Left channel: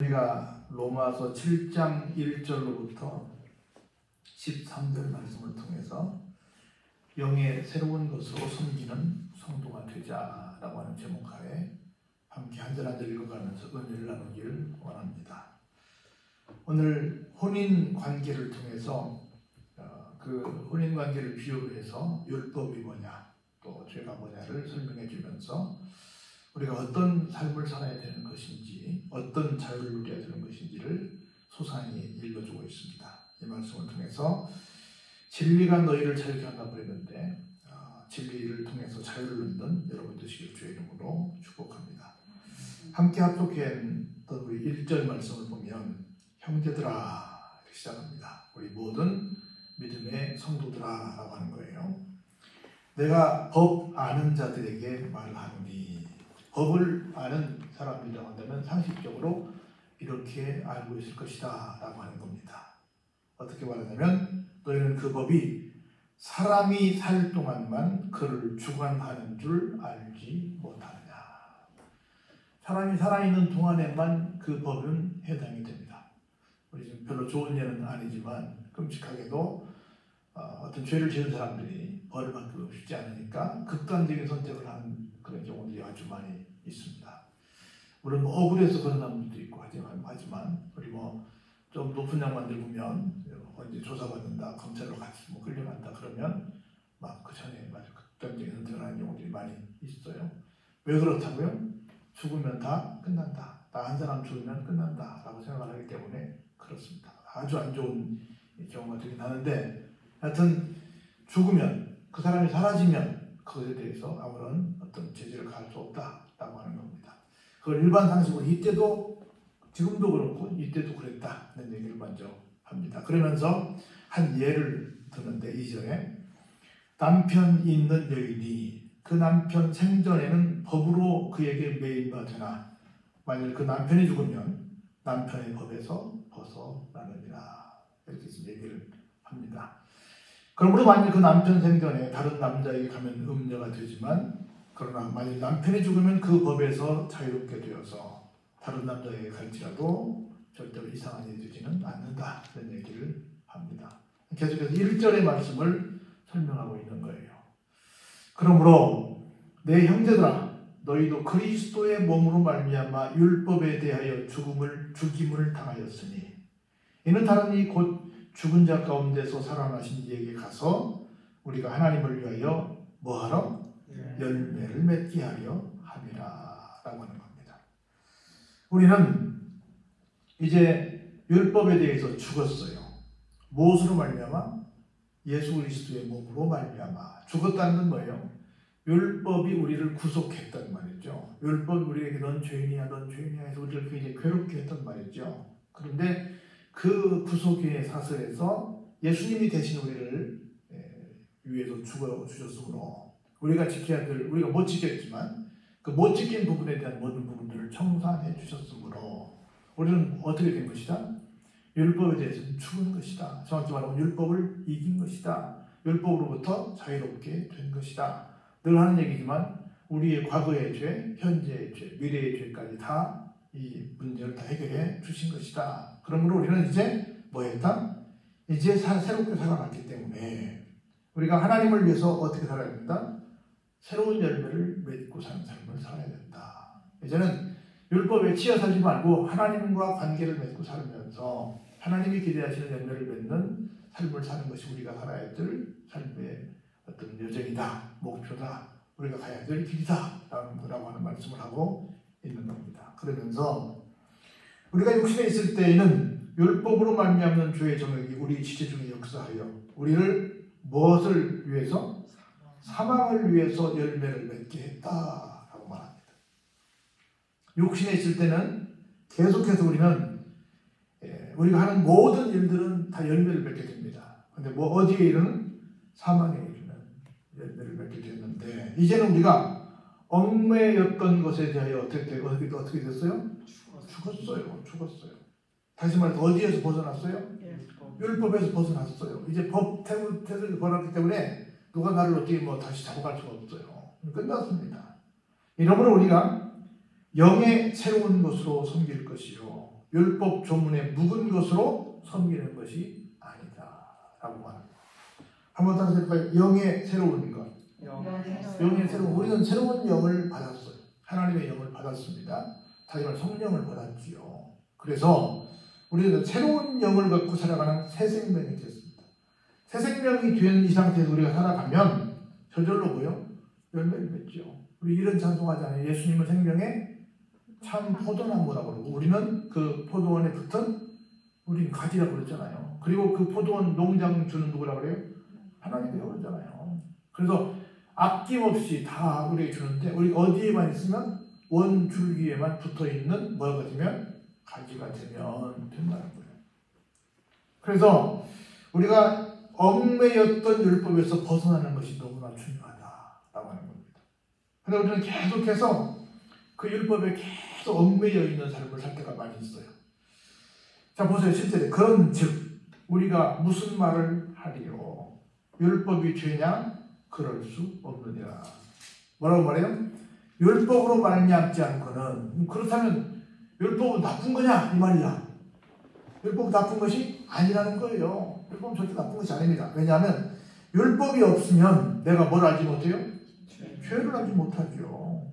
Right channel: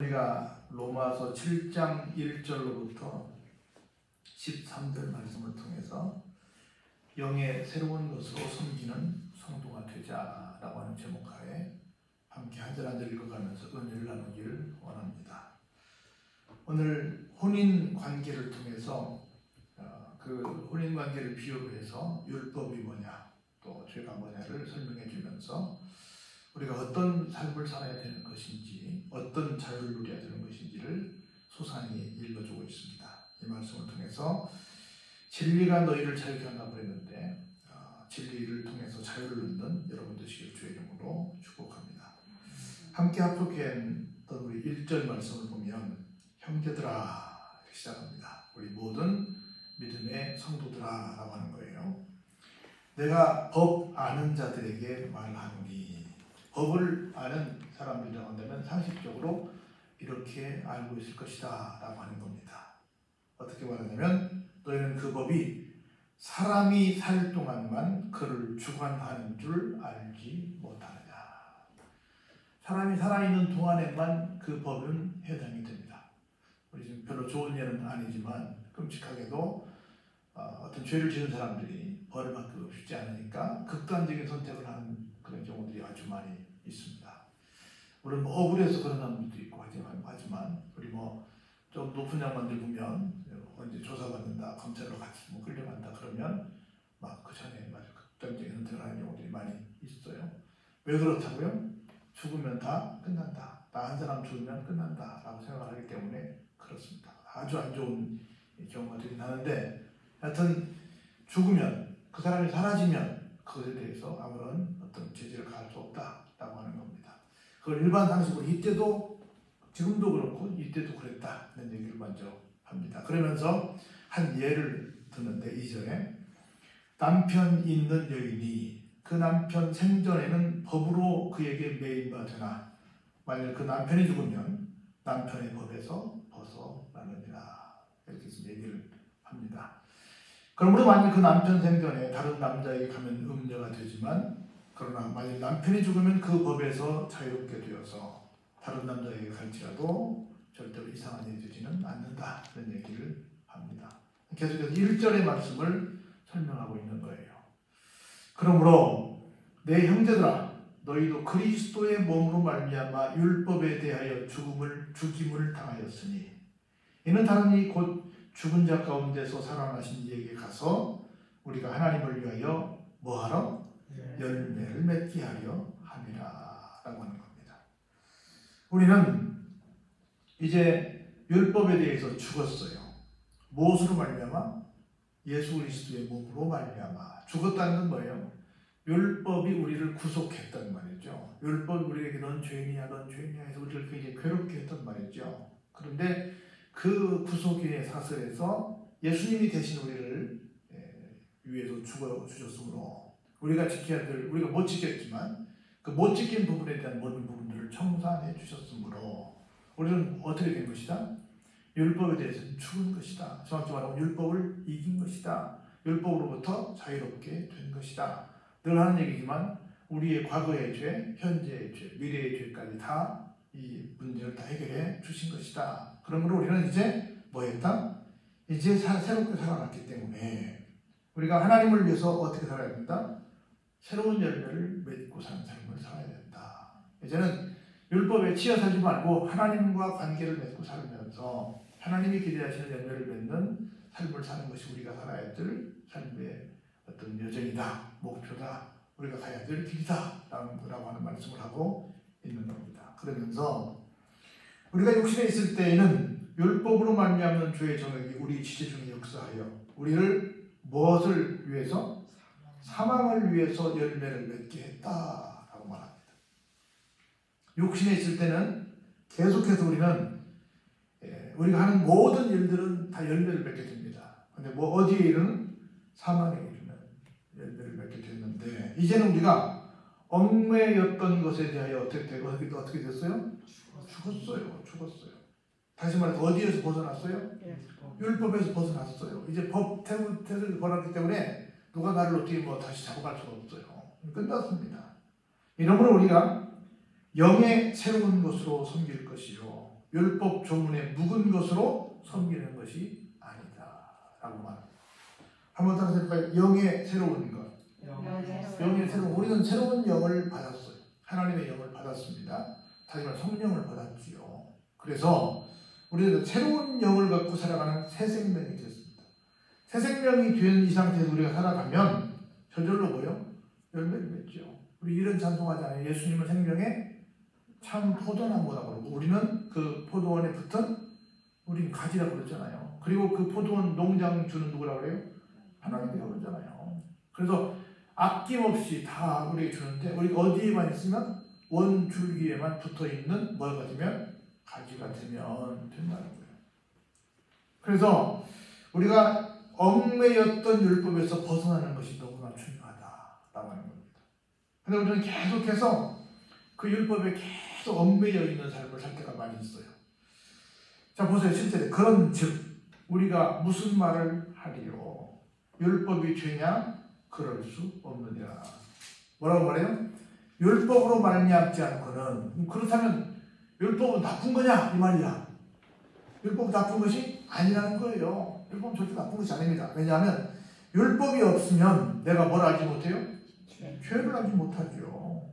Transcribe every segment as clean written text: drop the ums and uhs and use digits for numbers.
우리가 로마서 7장 1절로부터 13절 말씀을 통해서 영의 새로운 것으로 섬기는 성도가 되자라고 하는 제목하에 함께 한 절 한 절 읽어가면서 은혜를 나누기를 원합니다. 오늘 혼인 관계를 통해서 그 혼인 관계를 비유로 해서 율법이 뭐냐 또 죄가 뭐냐를 설명해 주면서 우리가 어떤 삶을 살아야 되는 것인지 어떤 자유를 누려야 되는 것인지를 소상히 읽어주고 있습니다. 이 말씀을 통해서 진리가 너희를 자유케 한다고 했는데 진리를 통해서 자유를 얻는 여러분 되시길 주의 이름으로 축복합니다. 함께 합독한 우리 1절 말씀을 보면 형제들아 시작합니다. 우리 모든 믿음의 성도들아 라고 하는 거예요. 내가 법 아는 자들에게 말하노니, 법을 아는 사람이라고 한다면 상식적으로 이렇게 알고 있을 것이다 라고 하는 겁니다. 어떻게 말하냐면 너희는 그 법이 사람이 살 동안만 그를 주관하는 줄 알지 못하느냐. 사람이 살아있는 동안에만 그 법은 해당이 됩니다. 우리 지금 별로 좋은 예는 아니지만 끔찍하게도 어떤 죄를 지은 사람들이 벌을 받기가 쉽지 않으니까 극단적인 선택을 하는 그런 경우들이 아주 많이 있습니다. 물론 억울해서 그런 사람들도 있고 하지만 우리 좀 높은 양반들 보면 언제 조사받는다, 검찰로 같이 끌려간다 그러면 막 그 전에 극단적인 선택을 하는 경우들이 많이 있어요. 왜 그렇다고요? 죽으면 다 끝난다. 나 한 사람 죽으면 끝난다 라고 생각을 하기 때문에 그렇습니다. 아주 안 좋은 경우가 되긴 하는데 하여튼 죽으면 그 사람이 사라지면 그것에 대해서 아무런 어떤 제재를 가할 수 없다라고 하는 겁니다. 그걸 일반 상식으로 이때도 지금도 그렇고 이때도 그랬다는 얘기를 먼저 합니다. 그러면서 한 예를 드는데 2절에 남편 있는 여인이 그 남편 생전에는 법으로 그에게 매일받으나 만일 그 남편이 죽으면 남편의 법에서 벗어나느니라 이렇게 얘기를 합니다. 그러므로 만일 그 남편 생전에 다른 남자에게 가면 음녀가 되지만 그러나 만일 남편이 죽으면 그 법에서 자유롭게 되어서 다른 남자에게 갈지라도 절대로 이상한 일이 되지는 않는다 이런 얘기를 합니다. 계속해서 1절의 말씀을 설명하고 있는 거예요. 그러므로 내 형제들아 너희도 그리스도의 몸으로 말미암아 율법에 대하여 죽임을 당하였으니 이는 다른 이 곧 죽은 자 가운데서 살아나신 이에게 가서 우리가 하나님을 위하여 뭐하러? 열매를 맺게 하려 함이라 라고 하는 겁니다. 우리는 이제 율법에 대해서 죽었어요. 무엇으로 말미암아? 예수 그리스도의 몸으로 말미암아. 죽었다는 건 뭐예요? 율법이 우리를 구속했단 말이죠. 율법이 우리에게 넌 죄인이야 넌 죄인이야 해서 우리를 굉장히 괴롭게 했단 말이죠. 그런데 그 구속의 사슬에서 예수님이 대신 우리를 위해서 죽어주셨으므로 우리가 지켜야 될, 우리가 못 지켰지만 그 못 지킨 부분에 대한 모든 부분들을 청산해 주셨으므로 우리는 어떻게 된 것이다? 율법에 대해서는 죽은 것이다. 정확히 말하면 율법을 이긴 것이다. 율법으로부터 자유롭게 된 것이다. 늘 하는 얘기지만 우리의 과거의 죄, 현재의 죄, 미래의 죄까지 다 이 문제를 다 해결해 주신 것이다. 그러므로 우리는 이제 뭐 했다? 이제 새롭게 살아났기 때문에 우리가 하나님을 위해서 어떻게 살아야 된다? 새로운 열매를 맺고 사는 삶을 살아야 된다. 이제는 율법에 치여 살지 말고 하나님과 관계를 맺고 살면서 하나님이 기대하시는 열매를 맺는 삶을 사는 것이 우리가 살아야 될 삶의 어떤 여정이다, 목표다, 우리가 가야 될 길이다 라고 하는 말씀을 하고 있는 겁니다. 그러면서 우리가 육신에 있을 때에는 율법으로 말미암는 죄의 정욕이 우리 지체 중에 역사하여 우리를 무엇을 위해서? 사망을 위해서 열매를 맺게 했다라고 말합니다. 육신에 있을 때는 계속해서 우리는 우리가 하는 모든 일들은 다 열매를 맺게 됩니다. 그런데 어디에 이르는? 사망에 이르는 열매를 맺게 됐는데 이제는 우리가 얽매였던 것에 대하여 어떻게 됐어요? 죽었어요. 다시 말해서 어디에서 벗어났어요? 율법에서 벗어났어요. 이제 법 태를 벌었기 때문에 누가 나를 어떻게 다시 잡아갈 수가 없어요. 끝났습니다. 이러므로 우리가 영의 새로운 것으로 섬길 것이요 율법 조문에 묵은 것으로 섬기는 것이 아니다라고 말합니다. 한번 다시 해볼까요? 영의 새로운 것. 영의 새로운, 우리는 새로운 영을 받았어요. 하나님의 영을 받았습니다. 다시 말해 성령을 받았지요. 그래서 우리는 새로운 영을 갖고 살아가는 새 생명이 됐습니다. 새 생명이 된 이 상태에서 우리가 살아가면 저절로 뭐요? 열매를 맺죠. 우리 이런 찬송하잖아요. 예수님은 생명의 참 포도나무라고 그러고 우리는 그 포도원에 붙은 우리는 가지라고 그러잖아요. 그리고 그 포도원 농장 주는 누구라고 그래요? 하나님이라고 그러잖아요. 그래서 아낌없이 다 우리에게 주는데 우리가 어디에만 있으면 원줄기에만 붙어있는 뭐가 되면 가지가 되면 된다는 거예요. 그래서 우리가 얽매였던 율법에서 벗어나는 것이 너무나 중요하다라고 하는 겁니다. 그래서 우리는 계속해서 그 율법에 계속 얽매여 있는 삶을 살 때가 많이 있어요. 자 보세요. 실제로 그런 즉 우리가 무슨 말을 하리요? 율법이 죄냐? 그럴 수 없느니라. 뭐라고 말해요? 율법으로 말미암지 않고는 그렇다면 율법은 나쁜 거냐? 이 말이야. 율법은 나쁜 것이 아니라는 거예요. 율법은 절대 나쁜 것이 아닙니다. 왜냐하면 율법이 없으면 내가 뭘 알지 못해요? 죄를 알지 못하죠.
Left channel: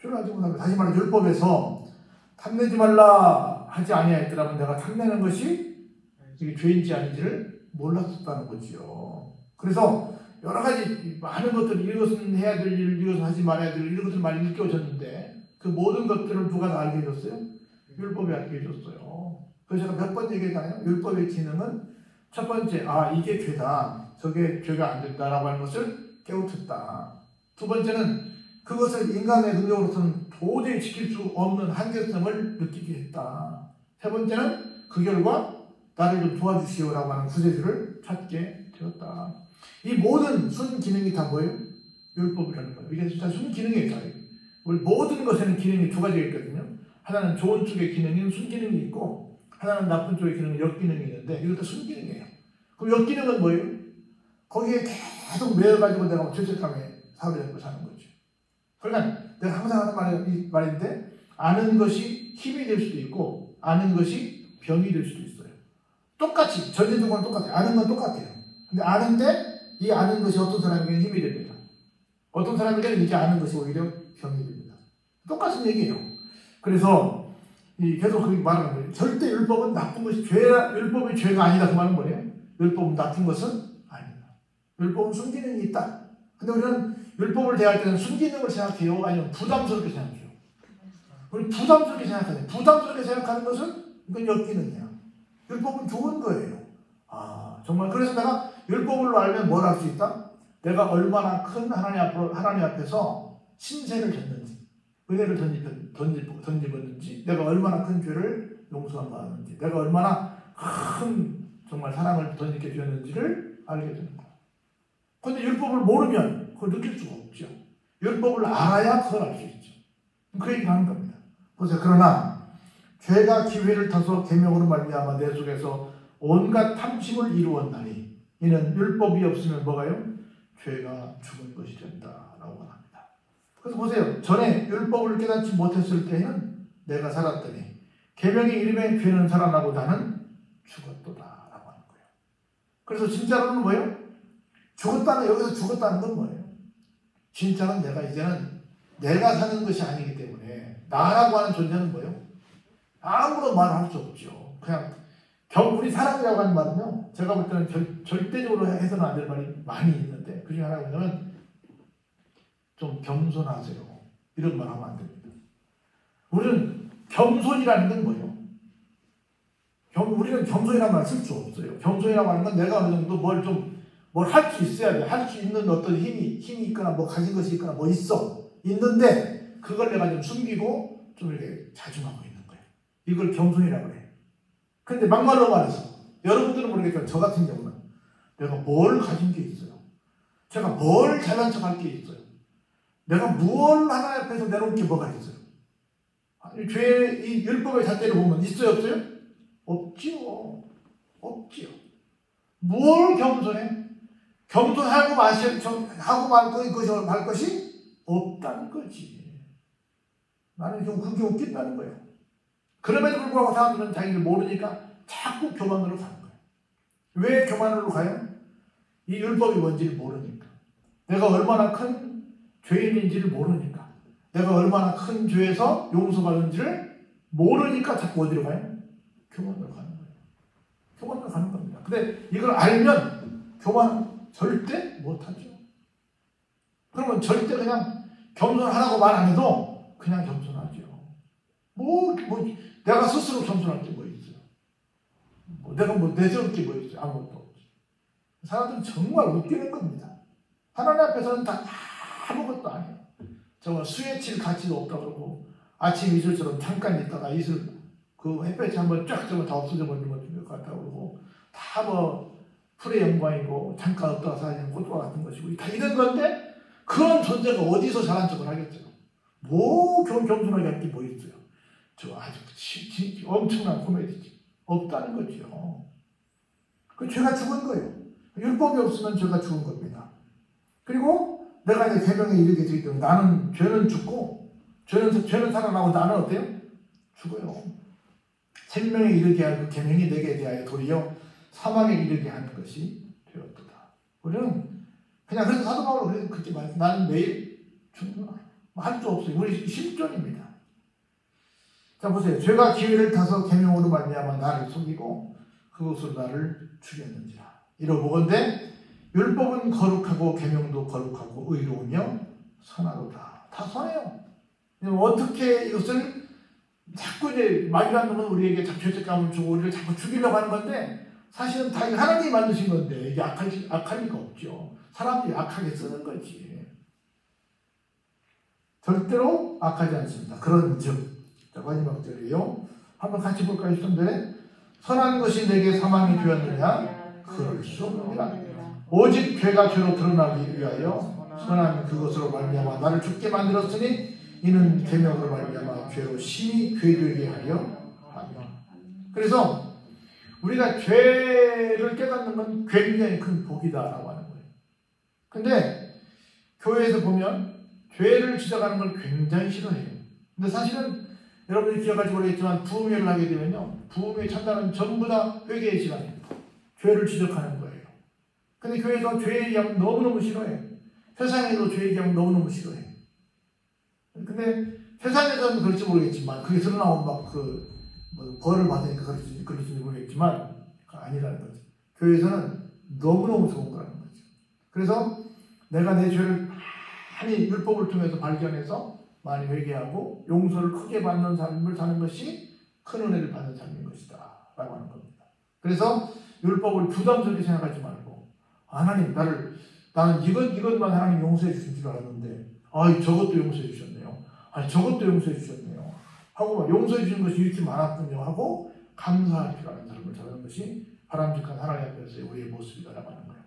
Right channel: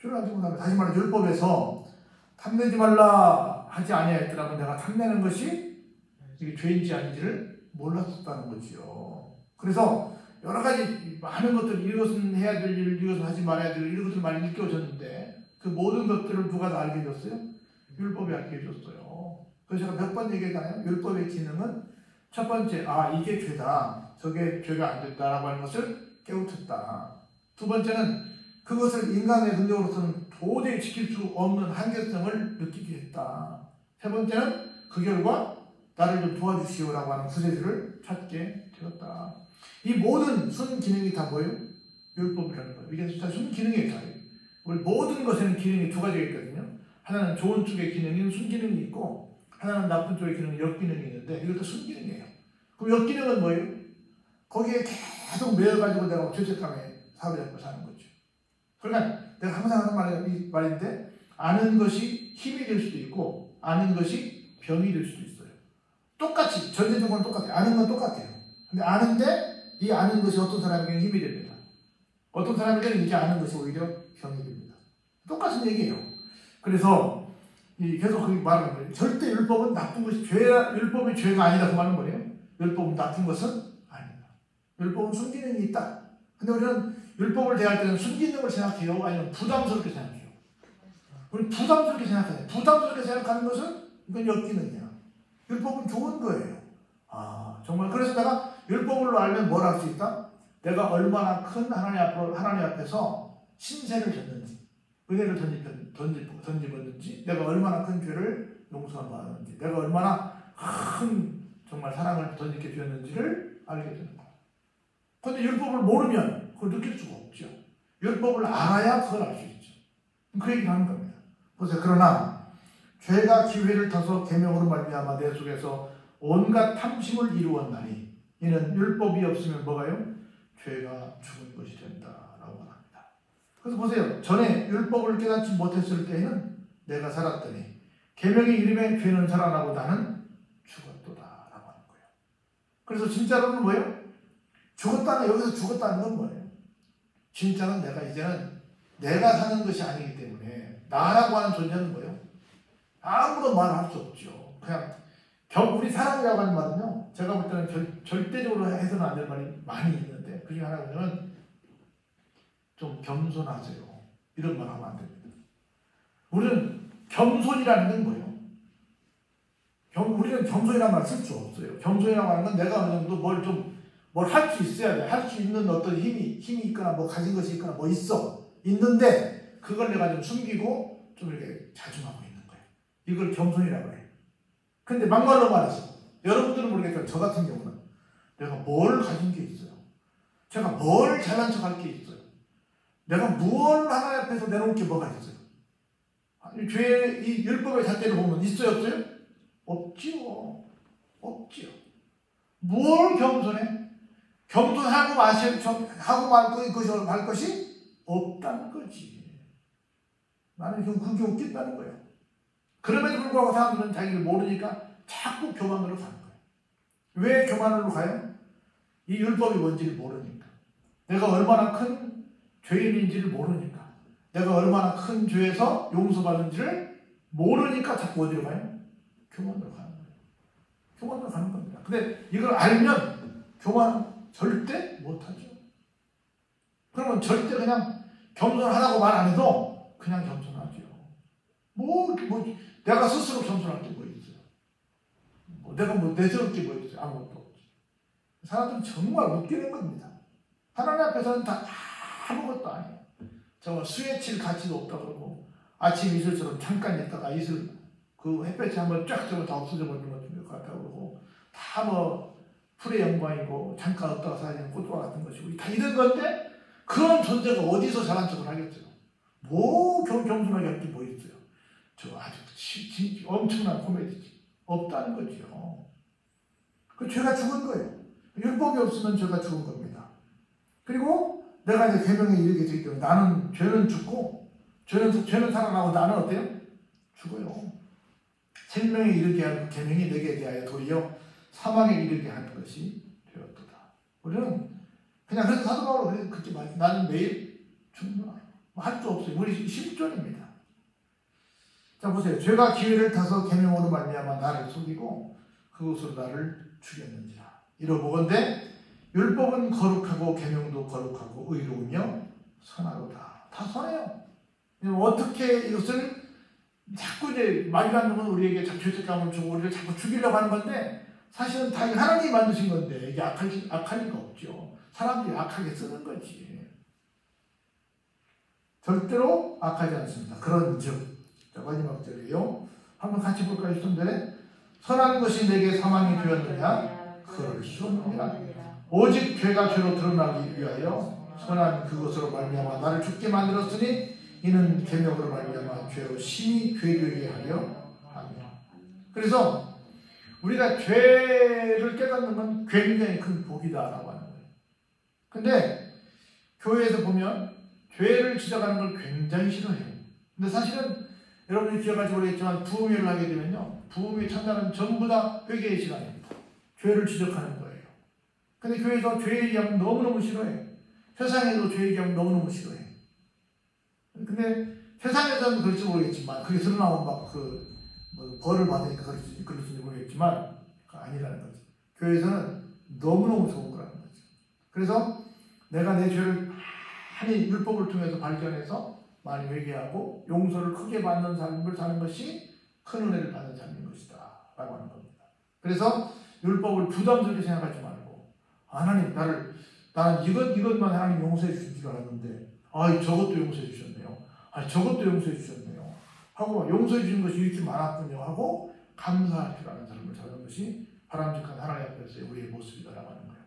죄를 알지 못하면 다시 말해 율법에서 탐내지 말라 하지 아니하였더라면 내가 탐내는 것이 이게 죄인지 아닌지를 몰랐었다는 거지요. 그래서 여러 가지 많은 것들 이것은 해야 될 일, 이것은 하지 말아야 될 일, 이것을 많이 느껴졌는데 그 모든 것들을 누가 다 알게 해줬어요? 율법이 알게 해줬어요. 그래서 제가 몇 번 얘기했잖아요. 율법의 기능은 첫 번째, 이게 죄다, 저게 죄가 안 된다라고 하는 것을 깨우쳤다. 두 번째는 그것을 인간의 능력으로서는 도저히 지킬 수 없는 한계성을 느끼게 했다. 세 번째는 그 결과 나를 좀 도와주시오라고 하는 구세주를 찾게 되었다. 이 모든 순기능이 다 뭐예요? 율법이라는 거예요. 이게 다 순기능이에요. 우리 모든 것에는 기능이 두 가지가 있거든요. 하나는 좋은 쪽의 기능인 순기능이 있고 하나는 나쁜 쪽의 기능인 역기능이 있는데 이것도 순기능이에요. 그럼 역기능은 뭐예요? 거기에 계속 매여가지고 내가 죄책감에 사로잡고 사는 거죠. 그러니까 내가 항상 하는 말인데 아는 것이 힘이 될 수도 있고 아는 것이 병이 될 수도 있어요. 똑같이 전제적으로는 똑같아요. 아는 건 똑같아요. 근데 아는데 이 아는 것이 어떤 사람에게는 힘이 됩니다. 어떤 사람에게는 이제 아는 것이 오히려 병이 됩니다. 똑같은 얘기예요. 그래서 계속 그렇게 말하는 거예요. 절대 율법은 나쁜 것이 율법이 죄가 아니다. 그 말은 뭐예요? 율법은 나쁜 것은 아니다. 율법은 순기능이 있다. 근데 우리는 율법을 대할 때는 순기능을 생각해요? 아니면 부담스럽게 생각해요? 우리 부담스럽게 생각하잖아요. 부담스럽게 생각하는 것은 이건 역기능이에요. 율법은 좋은 거예요. 정말 그래서 내가 율법으로 알면 뭘 할 수 있다? 내가 얼마나 큰 하나님 앞에서 신세를 졌는지, 은혜를 던집었는지, 내가 얼마나 큰 죄를 용서받았는지, 내가 얼마나 큰 정말 사랑을 던지게 되었는지를 알게 되는 거예요. 그런데 율법을 모르면 그걸 느낄 수가 없죠. 율법을 알아야 그걸 알 수 있죠. 그 얘기를 하는 겁니다. 그래서 그러나 죄가 기회를 타서 계명으로 말미암아 내 속에서 온갖 탐심을 이루었나니 이는 율법이 없으면 뭐가요? 죄가 죽은 것이 된다라고 합니다. 그래서 보세요. 전에 율법을 깨닫지 못했을 때는 내가 살았더니 계명이 이름에 죄는 살아나고 나는 죽었도다라고 하는 거예요. 그래서 진짜로는 뭐예요? 여기서 죽었다는 건 뭐예요? 진짜는 이제는 내가 사는 것이 아니기 때문에 나라고 하는 존재는 뭐예요? 아무런 말을 할 수 없죠. 그냥 우리 사람이라고 하는 말은요, 제가 볼 때는 절대적으로 해서는 안 될 말이 많이 있는데, 그 중에 하나는 좀 겸손하세요. 이런 말 하면 안 됩니다. 우리는 겸손이라는 건 뭐예요? 우리는 겸손이라는 말 쓸 수 없어요. 겸손이라고 하는 건 내가 어느 정도 뭘 할 수 있어야 돼. 할 수 있는 어떤 힘이 있거나 뭐 가진 것이 있거나 뭐 있는데, 그걸 내가 좀 숨기고 좀 이렇게 자중하고 있는 거예요. 이걸 겸손이라고 해요. 근데 막말로 말해서 여러분들은 모르겠지만 저 같은 경우는 내가 뭘 가진 게 있어요. 제가 뭘 잘난 척할 게 있어요. 내가 무엇을 하나님 앞에서 내놓을 게 뭐가 있어요. 죄의 이 율법의 잣대를 보면 있어요 없어요? 없지요. 뭘 겸손해? 겸손하고 말 것이 없다는 거지. 나는 좀 그게 웃긴다는 거예요. 그럼에도 불구하고 사람들은 자기를 모르니까 자꾸 교만으로 가는 거예요. 왜 교만으로 가요? 이 율법이 뭔지를 모르니까. 내가 얼마나 큰 죄인인지를 모르니까. 내가 얼마나 큰 죄에서 용서받은지를 모르니까 자꾸 어디로 가요? 교만으로 가는 거예요. 교만으로 가는 겁니다. 근데 이걸 알면 교만은 절대 못하죠. 그러면 절대 그냥 겸손하라고 말 안 해도 그냥 겸손하죠. 내가 스스로 겸손할 게 뭐 있어요? 내가 내세울 게 뭐 있어요? 아무것도 없지. 사람들은 정말 웃기는 겁니다. 하나님 앞에서는 다 아무것도 아니에요. 정말 수에 칠 가치도 없다 그러고, 아침 이슬처럼 잠깐 있다가 이슬, 햇볕이 한번 쫙 져면 다 없어져 버리는 것 같다고 그러고, 다 풀의 영광이고, 잠깐 없다가 사라지는 꽃과 같은 것이고, 다 이런 건데, 그런 존재가 어디서 잘한 척을 하겠어요? 겸손하게 할 게 뭐 있어요? 저 아주 엄청난 코미디지. 없다는 거죠. 그 죄가 죽은 거예요. 율법이 없으면 죄가 죽은 겁니다. 그리고 내가 이제 계명에 이르게 되기 때문에 나는 죄는 죽고, 죄는 살아나고 나는 어때요? 죽어요. 생명에 이르게 할 그 계명이 내게 대하여 도리어 사망에 이르게 하는 것이 되었도다. 우리는 그냥 그래서 사도 바울은 그렇게 말해요. 나는 내일 죽는다. 할 수 없어요. 우리 실존입니다. 자 보세요. 죄가 기회를 타서 계명으로 말미암아 나를 속이고 그것으로 나를 죽였는지라. 이러보건대 율법은 거룩하고 계명도 거룩하고 의로우며 선하도다. 다 선해요. 어떻게 이것을 자꾸 이제 말이라는 건 우리에게 죄책감을 주고 우리를 자꾸 죽이려고 하는 건데 사실은 다 하나님이 만드신 건데 이게 악할 리가 없죠. 사람들이 악하게 쓰는 거지. 절대로 악하지 않습니다. 그런즉 마지막 절이요. 한번 같이 볼까요? 10절에 선한 것이 내게 사망이 되었느냐? 그럴 수 없느니라. 오직 죄가 죄로 드러나기 위하여 선한 그것으로 말미암아 나를 죽게 만들었으니 이는 계명으로 말미암아 죄로 심히 괴되게 하려 하며. 그래서 우리가 죄를 깨닫는 건 굉장히 큰 복이다라고 하는 거예요. 근데 교회에서 보면 죄를 지적하는 걸 굉장히 싫어해요. 근데 사실은 여러분이 기억할지 모르겠지만 부흥회를 하게 되면요. 부흥회 첫날은 전부 다 회개의 시간입니다. 죄를 지적하는 거예요. 근데 교회에서 죄 얘기하면 너무너무 싫어해요. 세상에도 죄 얘기하면 너무너무 싫어해요. 근데 세상에서는 그럴지 모르겠지만 그게 드러나면 벌을 받으니까 그럴지 모르겠지만 아니라는 거지. 교회에서는 너무너무 좋은 거라는 거지. 그래서 내가 내 죄를 많이 율법을 통해서 발견해서 많이 회개하고 용서를 크게 받는 삶을 사는 것이 큰 은혜를 받는 삶인 것이다 라고 하는 겁니다. 그래서 율법을 부담스럽게 생각하지 말고 하나님 나는 이것만 하나님 용서해 주신 줄 알았는데 저것도 용서해 주셨네요. 저것도 용서해 주셨네요. 하고 용서해 주신 것이 이렇게 많았군요 하고 감사할 줄 아는 사람을 찾는 것이 바람직한 하나님 앞에서의 우리의 모습이다라고 하는 거예요.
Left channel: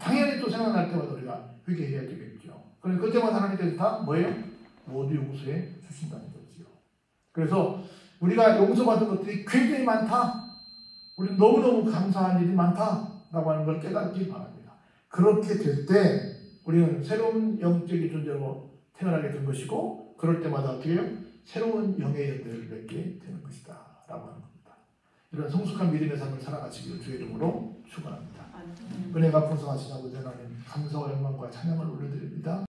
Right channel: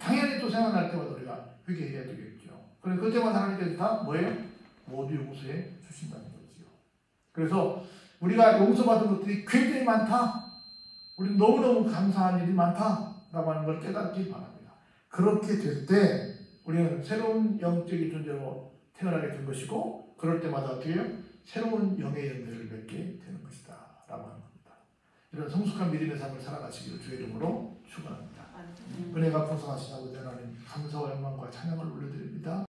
당연히 또 생각날 때마다 우리가 회개해야 되겠죠. 그런데 그때마다 하나님께서 다 뭐예요? 모두 용서해 주신다는 거지요. 그래서 우리가 용서받은 것들이 굉장히 많다. 우리 너무너무 감사한 일이 많다라고 하는 걸 깨닫기 바랍니다. 그렇게 될 때 우리는 새로운 영적인 존재로 태어나게 된 것이고 그럴 때마다 어떻게 해요? 새로운 영의 열매를 맺게 되는 것이다 라고 하는 겁니다. 이런 성숙한 믿음의 삶을 살아가시길 주의 이름으로 축원합니다. 은혜가 풍성하신 아버지 하나님 감사와 영광과 찬양을 올려드립니다.